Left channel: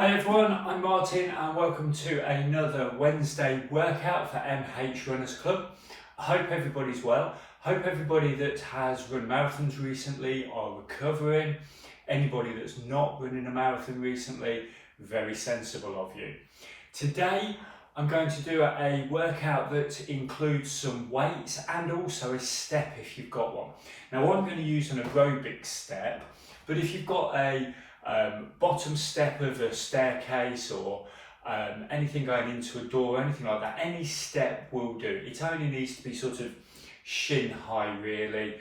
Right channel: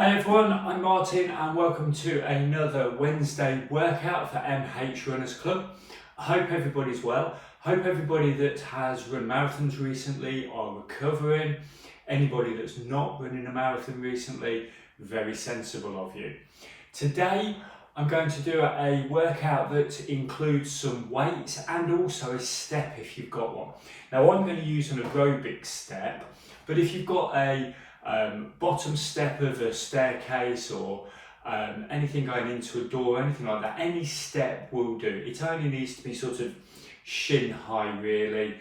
Hi everyone, I'm Martin and welcome to another Wednesday workout for MH Runners Club. I hope everybody's well. Hope everybody that has run marathons recently are recovering. Anybody that's not running a marathon recently, very sensible of you. Today I'm going to do a workout that includes some weights and also a step if you've got one. Now I'm going to use an aerobic step, but if you've got a bottom step of a staircase or anything going into a door, anything like that, any step will do. It only needs to be sort of shin high really,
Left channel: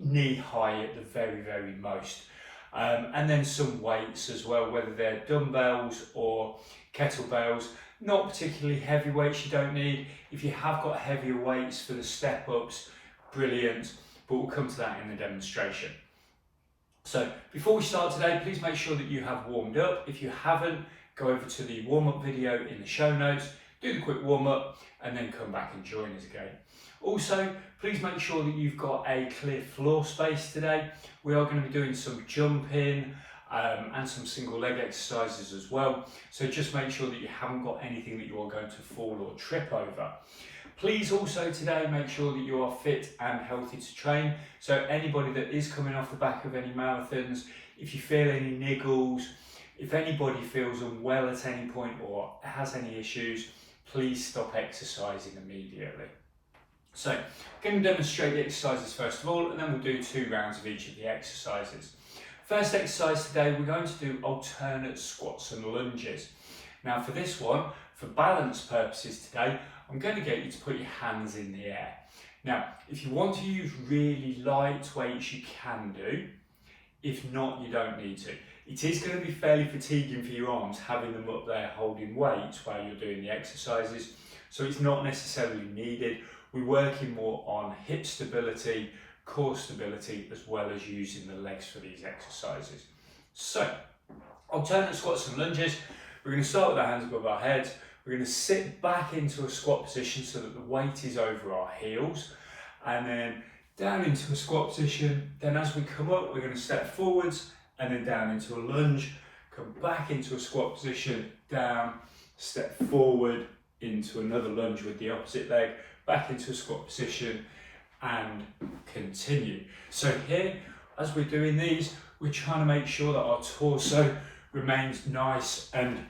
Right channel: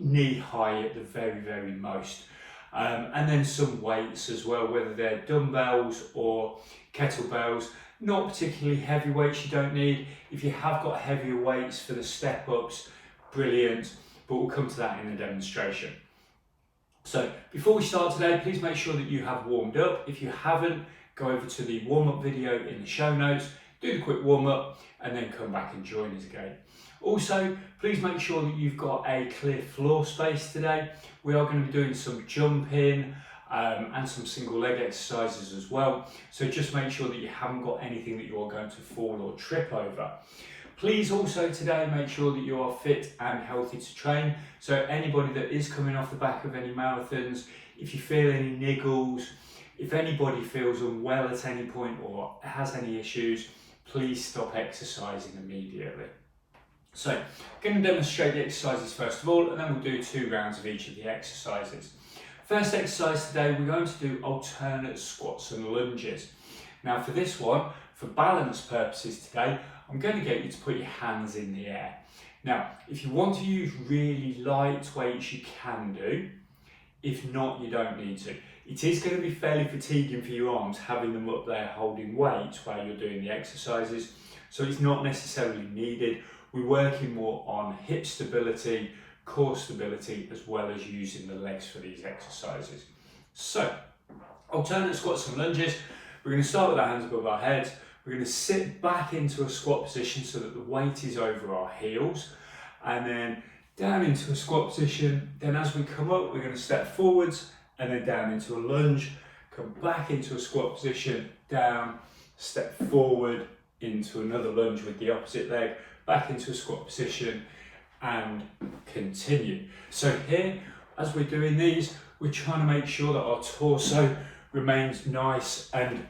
knee high at the very most. And then some weights as well, whether they're dumbbells or kettlebells. Not particularly heavy weights you don't need. If you have got heavier weights for the step ups, brilliant, but we'll come to that in the demonstration. So before we start today, please make sure that you have warmed up. If you haven't, go over to the warm-up video in the show notes, do the quick warm-up and then come back and join us again. Also, please make sure that you've got a clear floor space today. We are going to be doing some jumping and some single leg exercises as well. So just make sure that you haven't got anything that you are going to fall or trip over. Please also today make sure that you are fit and healthy to train. So anybody that is coming off the back of any marathons, if you feel any niggles, if anybody feels unwell at any point or has any issues, please stop exercising immediately. So I'm going to demonstrate the exercises first of all, and then we'll do 2 rounds of each of the exercises. First exercise today, we're going to do alternate squats and lunges. Now for this one, for balance purposes today, I'm going to get you to put your hands in the air. Now, if you want to use really light weights, you can do. If not, you don't need to. It is going to be fairly fatiguing for your arms, having them up there holding weights while you're doing the exercises. So it's not necessarily needed. We're working more on hip stability, core stability, as well as using the legs for these exercises. So, alternate squats and lunges. We're going to start with our hands above our heads. We're going to sit back into a squat position so that the weight is over our heels, and then down into a squat position. Then as we come up, we're going to step forwards and then down into a lunge, come back into a squat position, down, step forward into another lunge with the opposite leg, back into a squat position and continue. So here, as we're doing these, we're trying to make sure that our torso remains nice and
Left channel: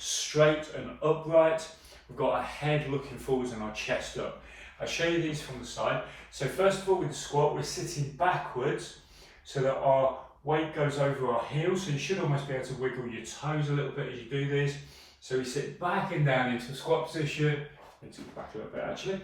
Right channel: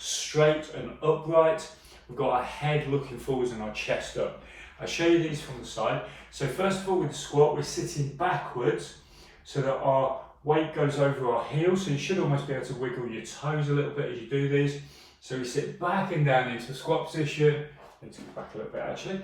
straight and upright. We've got our head looking forwards and our chest up. I'll show you these from the side. So first of all, with the squat, we're sitting backwards so that our weight goes over our heels. So you should almost be able to wiggle your toes a little bit as you do these. So we sit back and down into a squat position. Need to go back a little bit actually.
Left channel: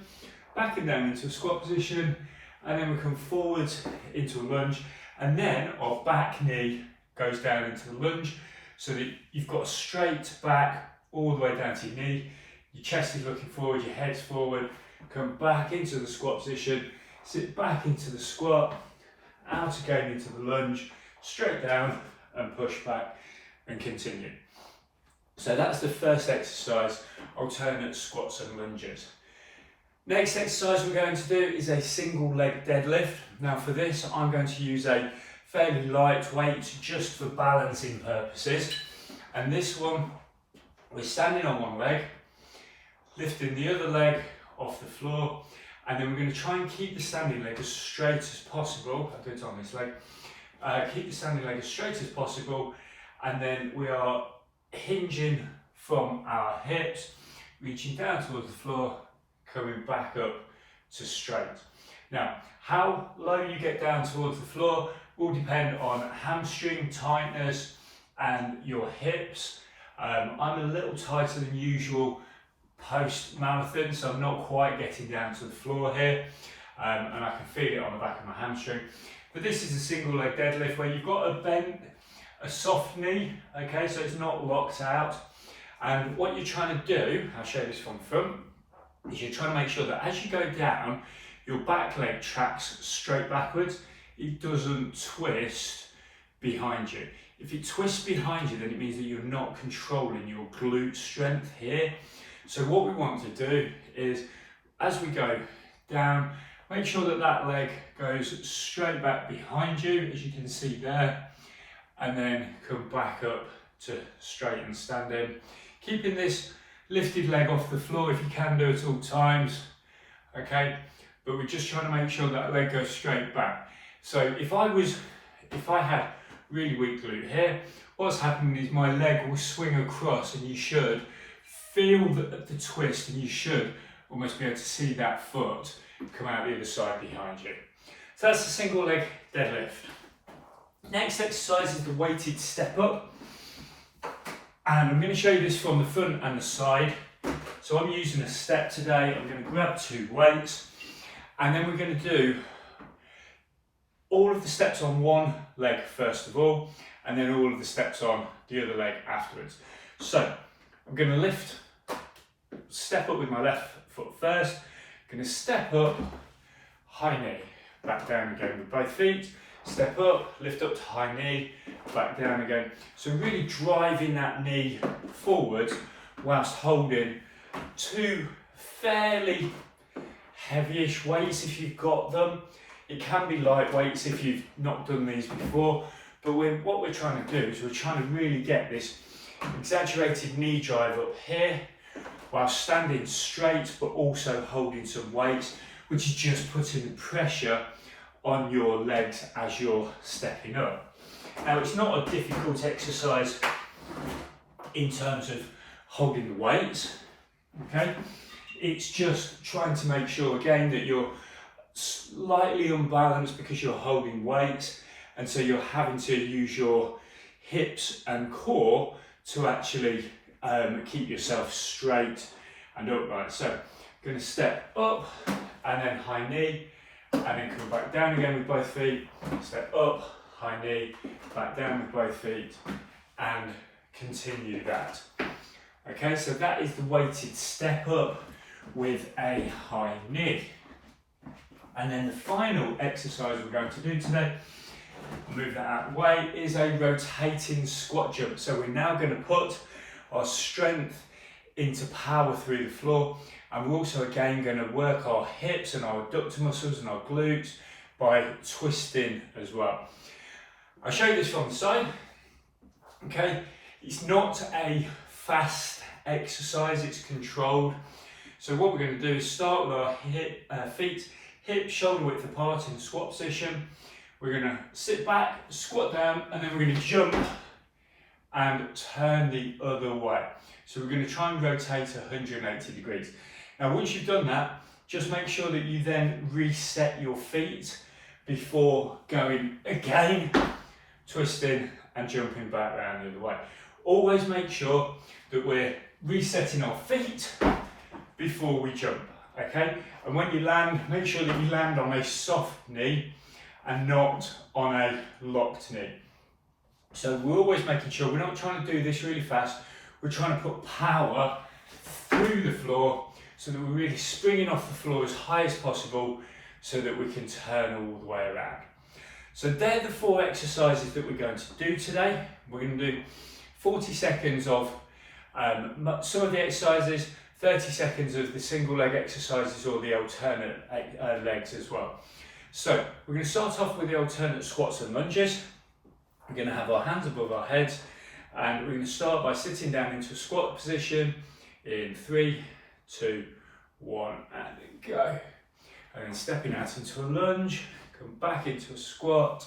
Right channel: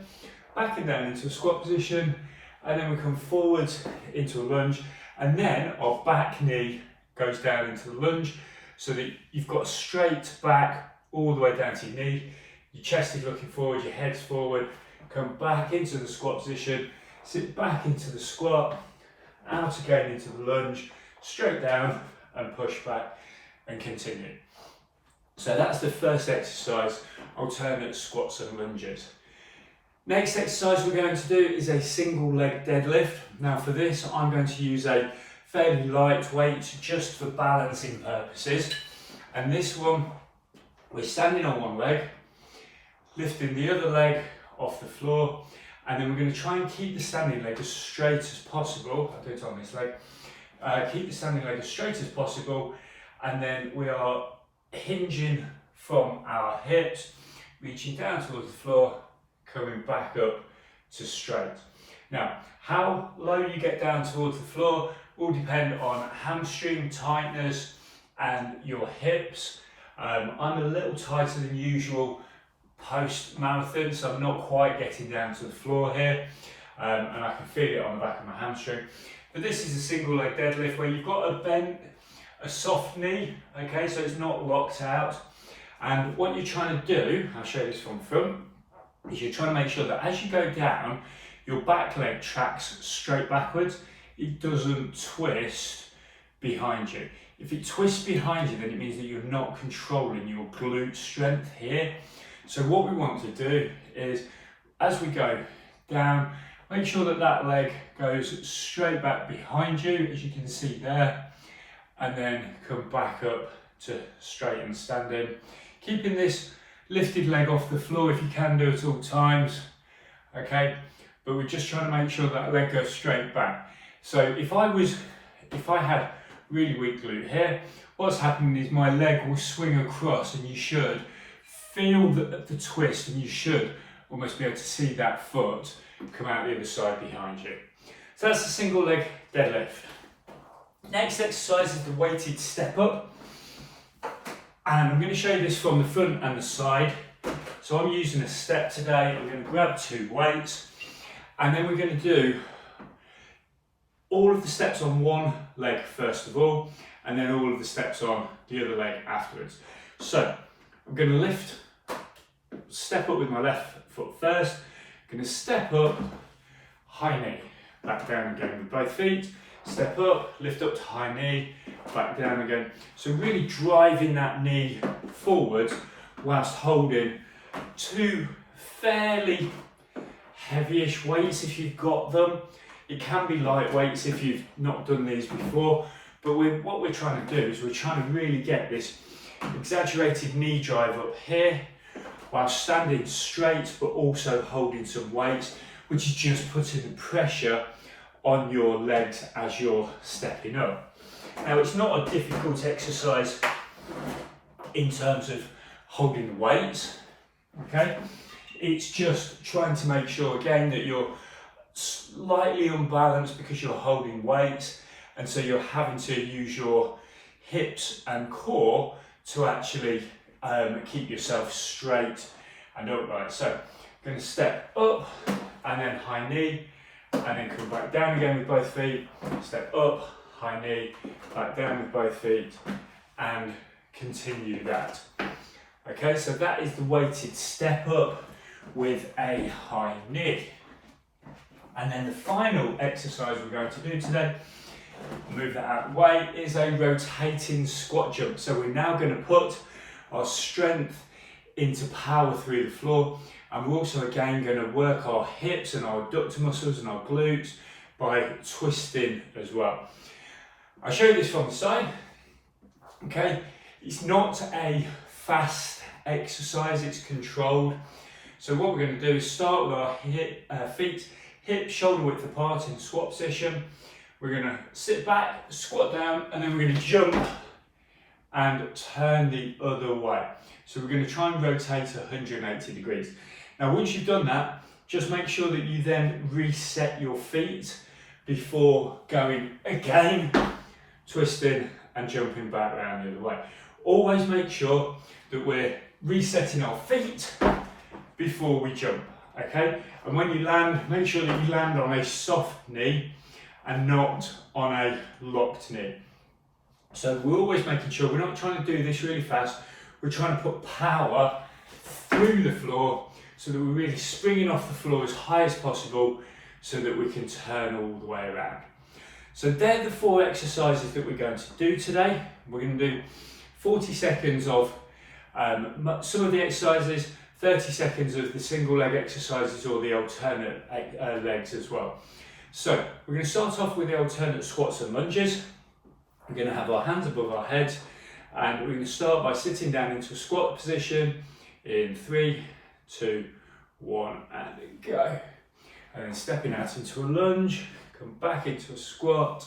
Back and down into a squat position, and then we come forwards into a lunge, and then our back knee goes down into the lunge, so that you've got a straight back all the way down to your knee, your chest is looking forward, your head's forward, come back into the squat position, sit back into the squat, out again into the lunge, straight down and push back and continue. So that's the first exercise, alternate squats and lunges. Next exercise we're going to do is a single leg deadlift. Now for this I'm going to use a fairly light weight just for balancing purposes, and this one we're standing on one leg, lifting the other leg off the floor, and then we're going to try and keep the standing leg as straight as possible. I'll do it on this leg. Keep the standing leg as straight as possible, and then we are hinging from our hips, reaching down towards the floor, coming back up to straight. Now, how low you get down towards the floor will depend on hamstring tightness and your hips. I'm a little tighter than usual post-marathon, so I'm not quite getting down to the floor here, and I can feel it on the back of my hamstring. But this is a single leg deadlift where you've got a soft knee, okay, so it's not locked out. And what you're trying to do, I'll show you this from the front, is you're trying to make sure that as you go down, your back leg tracks straight backwards. It doesn't twist behind you. If it twists behind you, then it means that you're not controlling your glute strength here. So what we want to do is, as we go down, make sure that that leg goes straight back behind you, as you can see there, and then come back up to straighten standing. Keeping this lifted leg off the floor if you can do at all times, okay? But we're just trying to make sure that leg goes straight back. So if I had really weak glute here, what's happening is my leg will swing across, and you should feel the twist, and you should almost be able to see that foot come out the other side behind you. So that's the single leg deadlift. Next exercise is the weighted step up. And I'm going to show you this from the front and the side. So I'm using a step today. I'm going to grab 2 weights, and then we're going to do all of the steps on one leg first of all, and then all of the steps on the other leg afterwards. So I'm going to step up with my left foot first. I'm going to step up, high knee, back down again with both feet. Step up, lift up to high knee, back down again. So really driving that knee forward whilst holding 2 fairly heavyish weights if you've got them. It can be light weights if you've not done these before, but what we're trying to do is we're trying to really get this exaggerated knee drive up here while standing straight, but also holding some weights, which is just putting the pressure on your legs as you're stepping up. Now, it's not a difficult exercise in terms of holding the weights, okay? It's just trying to make sure, again, that you're slightly unbalanced because you're holding weights, and so you're having to use your hips and core to actually keep yourself straight and upright. So I'm going to step up and then high knee, and then come back down again with both feet, step up, high knee, back down with both feet, and continue that. Okay, so that is the weighted step up with a high knee. And then the final exercise we're going to do today, move that out of the way, is a rotating squat jump. So we're now going to put our strength into power through the floor, and we're also again going to work our hips and our adductor muscles and our glutes by twisting as well. I'll show you this from the side. Okay, it's not a fast exercise, it's controlled. So what we're going to do is start with our feet hip shoulder width apart in squat position. We're going to sit back, squat down, and then we're going to jump and turn the other way. So we're going to try and rotate 180 degrees. Now, once you've done that, just make sure that you then reset your feet before going again, twisting and jumping back around the other way. Always make sure that we're resetting our feet before we jump, okay? And when you land, make sure that you land on a soft knee and not on a locked knee. So we're always making sure we're not trying to do this really fast. We're trying to put power through the floor so that we're really springing off the floor as high as possible so that we can turn all the way around. So they're the 4 exercises that we're going to do today. We're going to do 40 seconds of some of the exercises, 30 seconds of the single leg exercises or the alternate legs as well. So we're going to start off with the alternate squats and lunges. We're going to have our hands above our heads, and we're going to start by sitting down into a squat position in 3, 2, 1, and go. And then stepping out into a lunge, come back into a squat,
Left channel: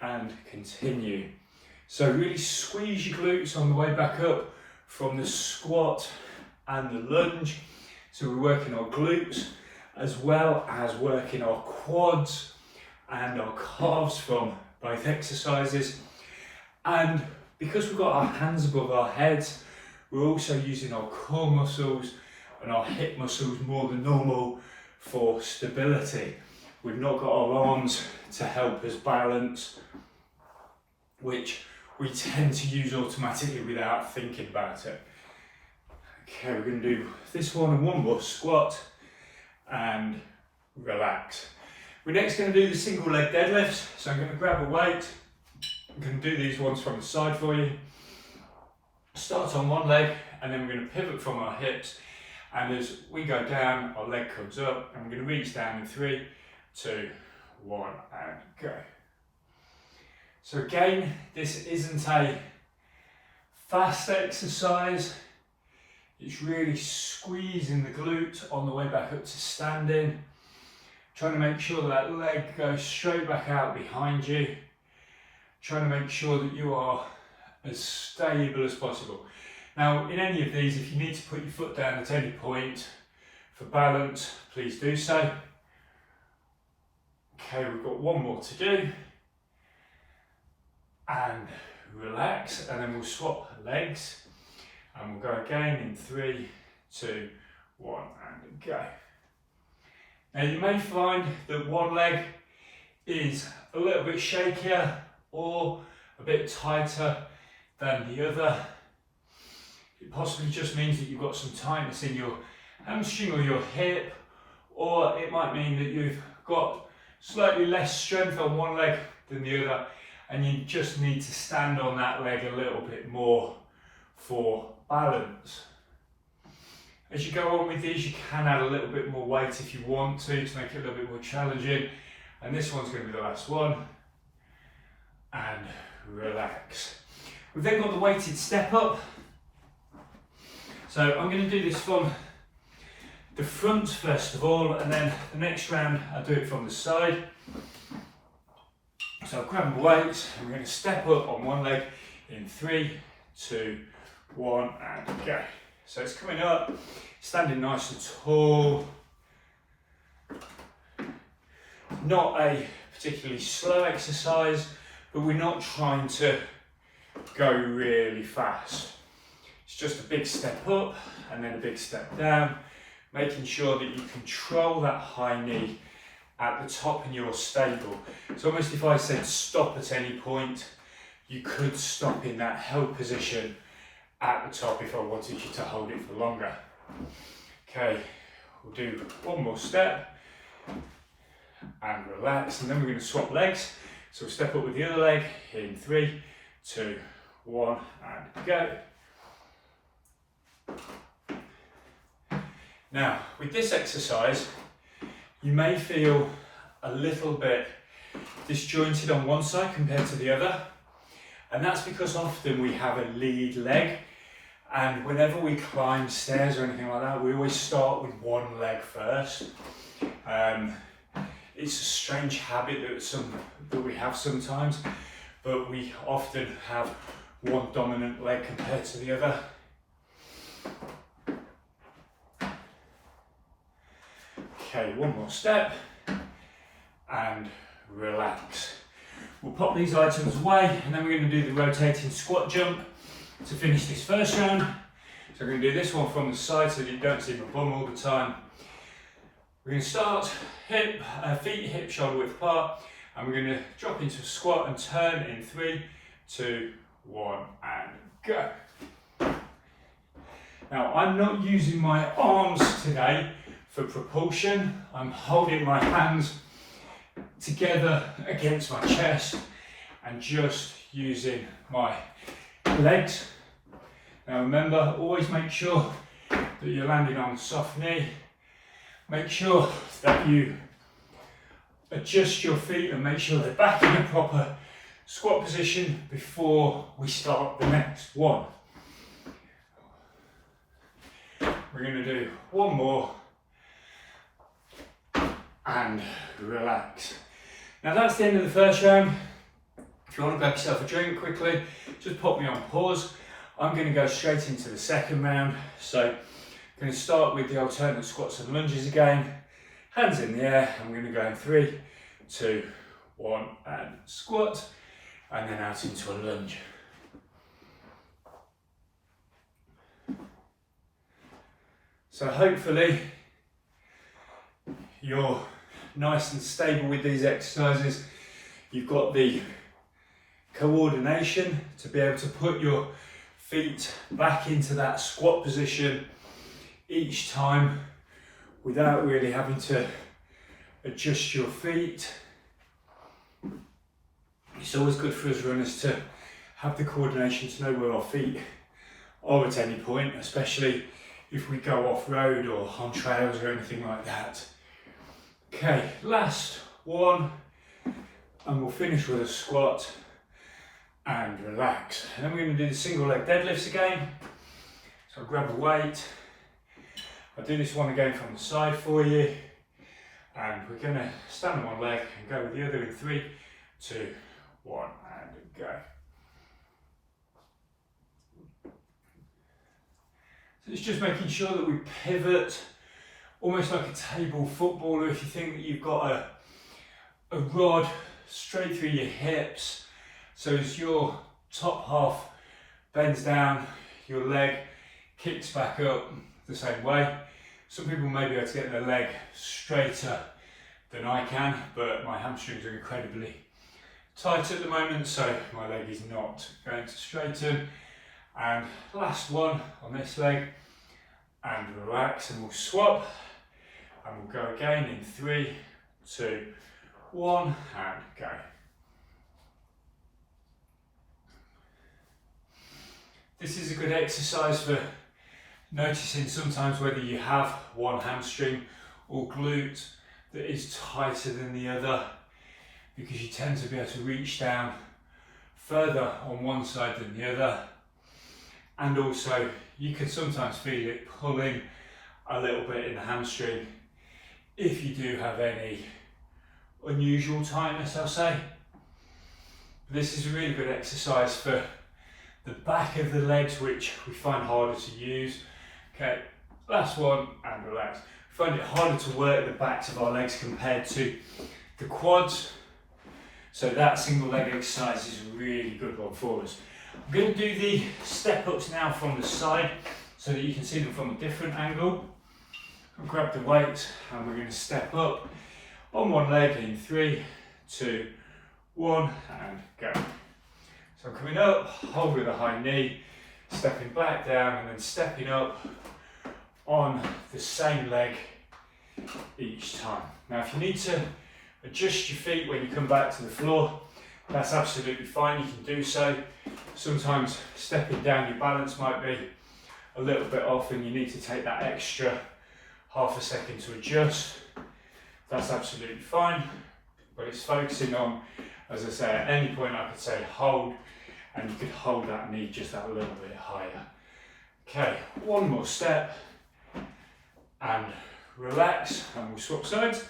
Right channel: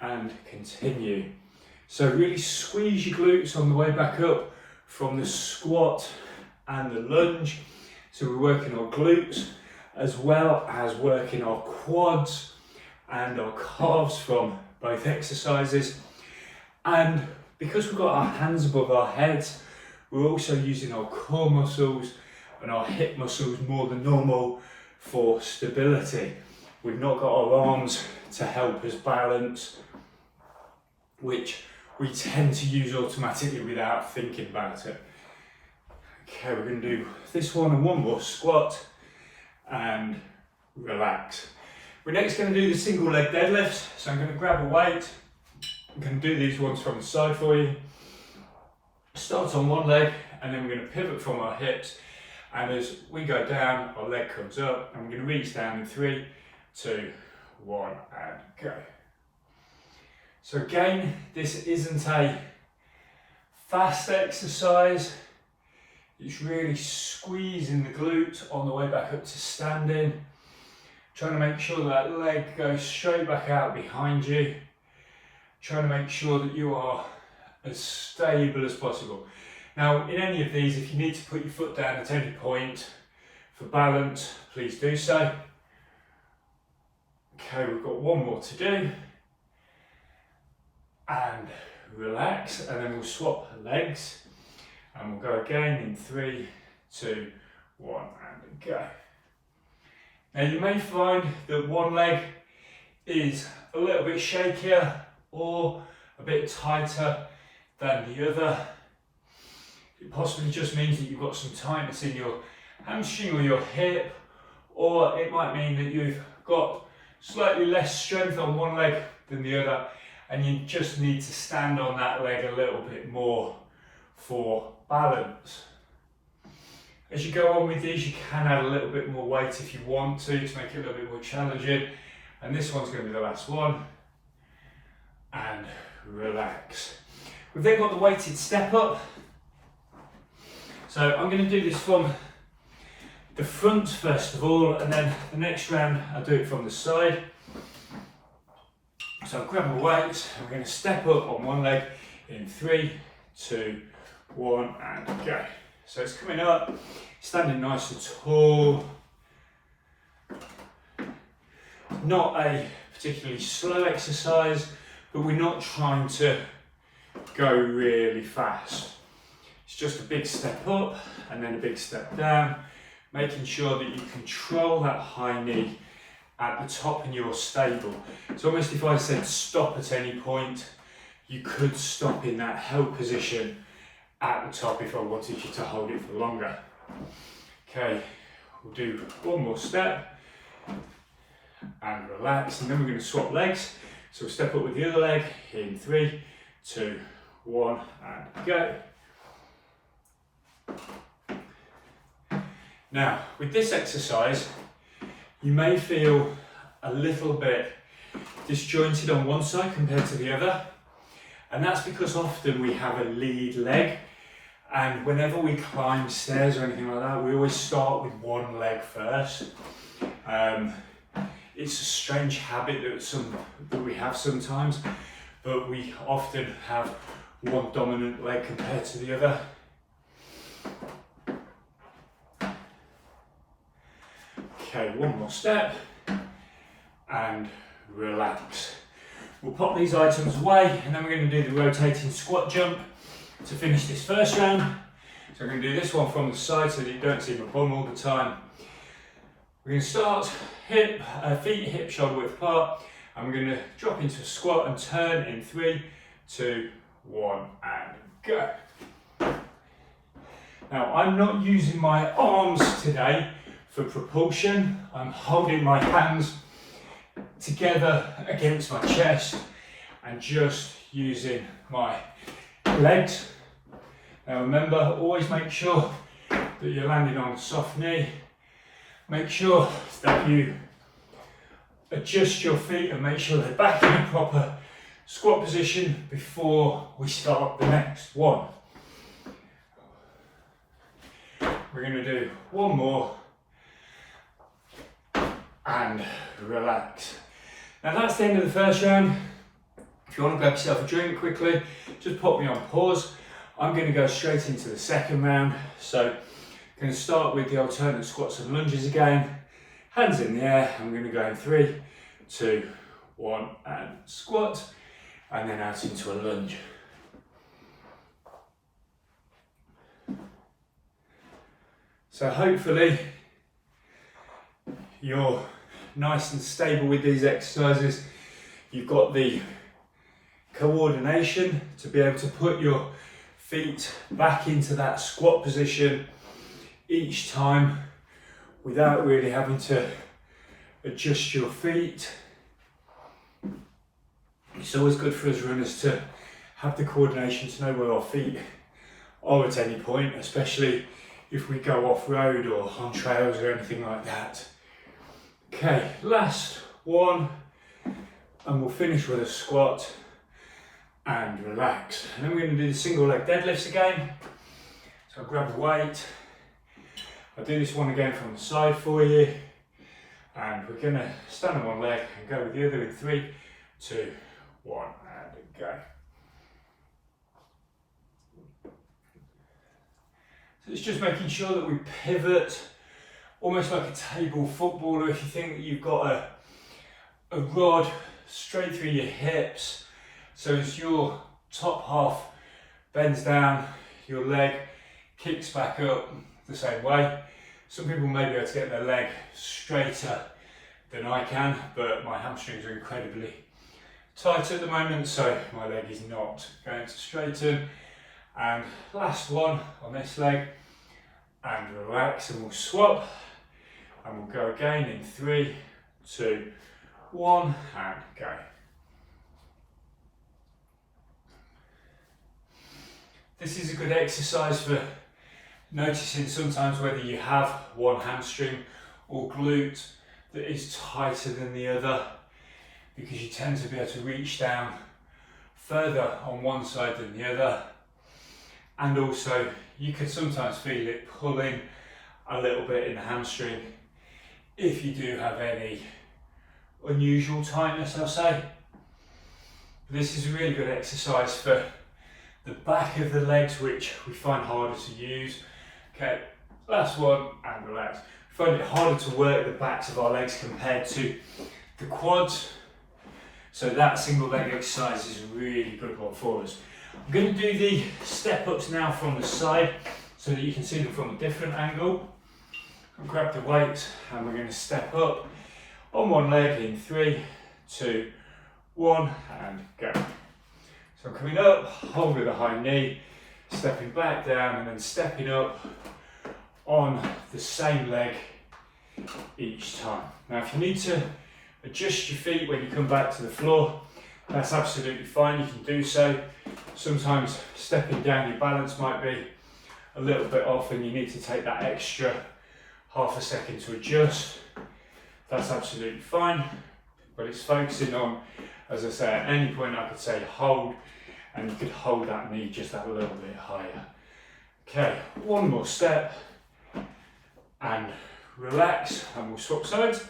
and continue. So really squeeze your glutes on the way back up from the squat and the lunge. So we're working our glutes as well as working our quads and our calves from both exercises. And because we've got our hands above our heads, we're also using our core muscles and our hip muscles more than normal for stability. We've not got our arms to help us balance, which we tend to use automatically without thinking about it. Okay, we're going to do this one and one more squat and relax. We're next going to do the single leg deadlifts. So I'm going to grab a weight. I'm going to do these ones from the side for you. Start on one leg, and then we're going to pivot from our hips. And as we go down, our leg comes up, and we're going to reach down in 3, 2, 1, and go. So again, this isn't a fast exercise. It's really squeezing the glute on the way back up to standing. Trying to make sure that leg goes straight back out behind you. Trying to make sure that you are as stable as possible. Now, in any of these, if you need to put your foot down at any point for balance, please do so. Okay, we've got one more to do. And relax, and then we'll swap legs. And we'll go again in 3, 2, 1, and go. Now you may find that one leg is a little bit shakier or a bit tighter than the other. It possibly just means that you've got some tightness in your hamstring or your hip, or it might mean that you've got slightly less strength on one leg than the other, and you just need to stand on that leg a little bit more for balance. As you go on with these, you can add a little bit more weight if you want to make it a little bit more challenging. And this one's going to be the last one. And relax. We've then got the weighted step up. So I'm going to do this from the front first of all, and then the next round I'll do it from the side. So I'll grab my weights and we're going to step up on one leg in 3, 2, 1, and go. So it's coming up, standing nice and tall. Not a particularly slow exercise, but we're not trying to go really fast. It's just a big step up and then a big step down, making sure that you control that high knee at the top and you're stable. It's almost if I said stop at any point, you could stop in that held position at the top if I wanted you to hold it for longer. Okay, we'll do one more step and relax, and then we're going to swap legs. So we'll step up with the other leg in 3, 2, 1, and go. Now, with this exercise, you may feel a little bit disjointed on one side compared to the other, and that's because often we have a lead leg, and whenever we climb stairs or anything like that, we always start with one leg first. It's a strange habit that we have sometimes, but we often have one dominant leg compared to the other. Okay, one more step and relax. We'll pop these items away, and then we're going to do the rotating squat jump to finish this first round. So we're going to do this one from the side so that you don't see my bum all the time. We're going to start feet hip shoulder width apart, and we're going to drop into a squat and turn in 3, 2, 1, and go. Now, I'm not using my arms today for propulsion. I'm holding my hands together against my chest and just using my legs. Now remember, always make sure that you're landing on a soft knee. Make sure that you adjust your feet and make sure they're back in a proper squat position before we start the next one. We're going to do one more and relax. Now that's the end of the first round. If you want to grab yourself a drink quickly, just pop me on pause. I'm going to go straight into the second round. So I'm going to start with the alternate squats and lunges again. Hands in the air. I'm going to go in 3, 2, 1 and squat, and then out into a lunge. So hopefully you're nice and stable with these exercises. You've got the coordination to be able to put your feet back into that squat position each time without really having to adjust your feet. It's always good for us runners to have the coordination to know where our feet are at any point, especially if we go off-road or on trails or anything like that. Okay, last one, and we'll finish with a squat and relax. And then we're going to do the single leg deadlifts again. So I'll grab a weight. I'll do this one again from the side for you. And we're going to stand on one leg and go with the other in 3, 2, 1, and go. So it's just making sure that we pivot almost like a table footballer. If you think that you've got a rod straight through your hips, so as your top half bends down, your leg kicks back up the same way. Some people may be able to get their leg straighter than I can, but my hamstrings are incredibly tight at the moment, so my leg is not going to straighten. And last one on this leg, and relax, and we'll swap, and we'll go again in 3, 2, 1, and go. This is a good exercise for noticing sometimes whether you have one hamstring or glute that is tighter than the other, because you tend to be able to reach down further on one side than the other, and also you can sometimes feel it pulling a little bit in the hamstring if you do have any unusual tightness, I'll say. This is a really good exercise for the back of the legs, which we find harder to use. Okay, last one, and relax. We find it harder to work the backs of our legs compared to the quads, so that single leg exercise is a really good one for us. I'm going to do the step ups now from the side so that you can see them from a different angle. We'll grab the weights and we're going to step up on one leg in 3, 2, 1, and go. So I'm coming up, hold with a high knee, stepping back down, and then stepping up on the same leg each time. Now if you need to adjust your feet when you come back to the floor, that's absolutely fine, you can do so. Sometimes stepping down, your balance might be a little bit off and you need to take that extra half a second to adjust. That's absolutely fine, but it's focusing on, as I say, at any point I could say hold, and you could hold that knee just that little bit higher. Okay, one more step, and relax, and we'll swap sides,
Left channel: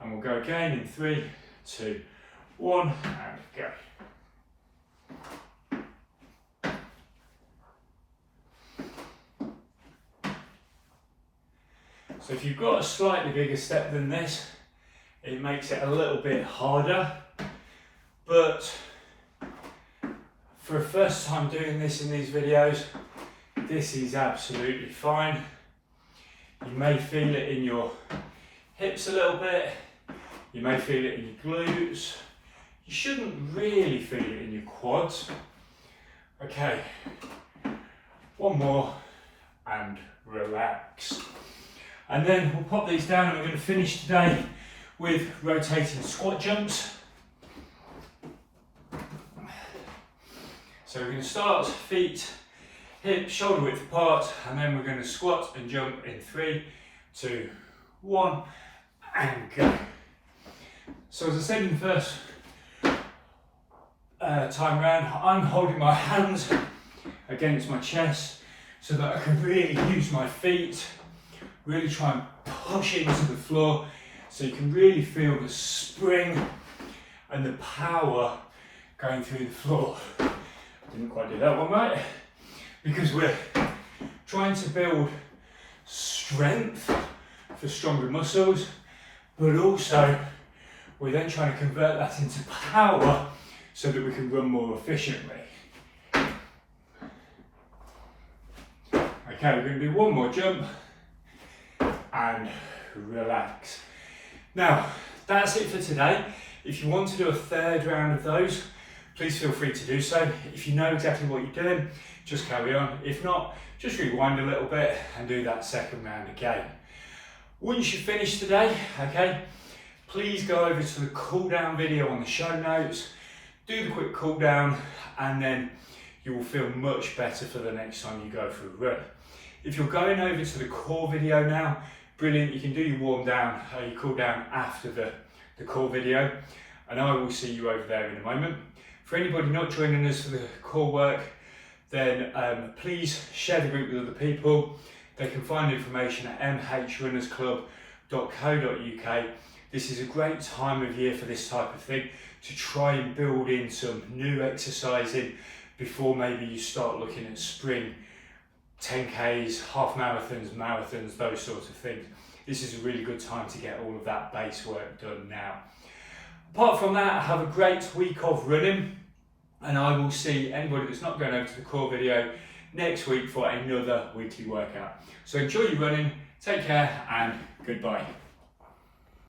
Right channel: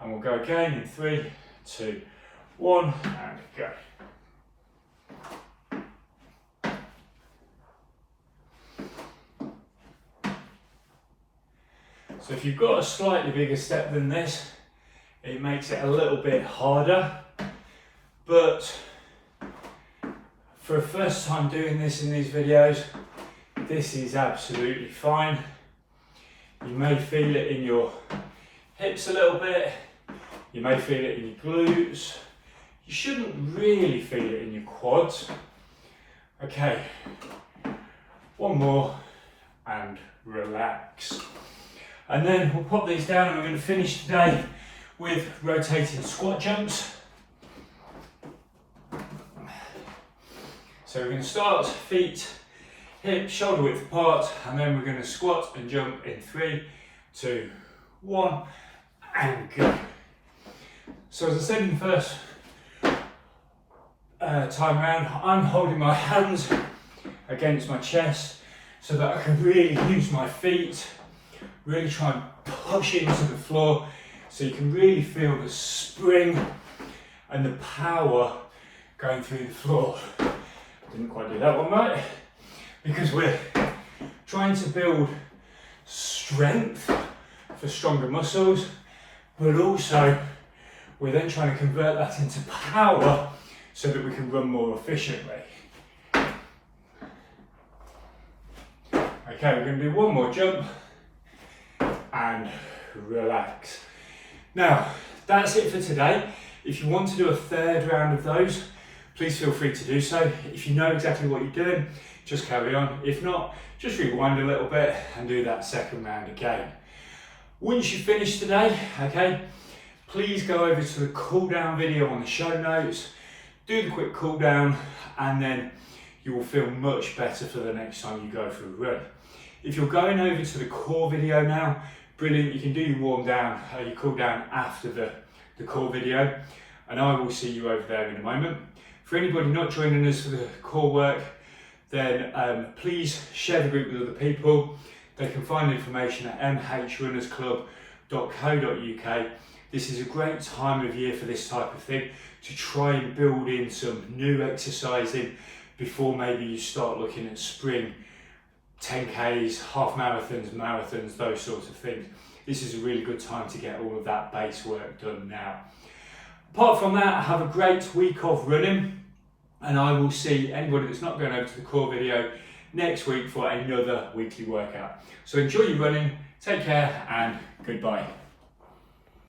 and we'll go again in 3, 2, 1, and go. So if you've got a slightly bigger step than this, it makes it a little bit harder, but for a first time doing this in these videos, this is absolutely fine. You may feel it in your hips a little bit, you may feel it in your glutes, you shouldn't really feel it in your quads. Okay, one more, and relax. And then we'll pop these down, and we're going to finish today with rotating squat jumps. So we're going to start feet, hips, shoulder width apart, and then we're going to squat and jump in 3, 2, 1, and go. So as I said in the first time round, I'm holding my hands against my chest so that I can really use my feet, really try and push into the floor so you can really feel the spring and the power going through the floor. Didn't quite do that one right, because we're trying to build strength for stronger muscles, but also we're then trying to convert that into power so that we can run more efficiently. Okay, we're going to do one more jump and relax. Now, that's it for today. If you want to do a third round of those, please feel free to do so. If you know exactly what you're doing, just carry on. If not, just rewind a little bit and do that second round again. Once you finish today, okay, please go over to the cool down video on the show notes, do the quick cool down, and then you will feel much better for the next time you go for a run. If you're going over to the core video now, brilliant, you can do your warm down, your cool down after the core video, and I will see you over there in a moment. For anybody not joining us for the core work, then please share the group with other people. They can find information at mhrunnersclub.co.uk. This is a great time of year for this type of thing, to try and build in some new exercising before maybe you start looking at spring 10Ks, half marathons, marathons, those sorts of things. This is a really good time to get all of that base work done now. Apart from that, have a great week of running, and I will see anybody that's not going over to the core video next week for another weekly workout. So enjoy your running, take care, and goodbye.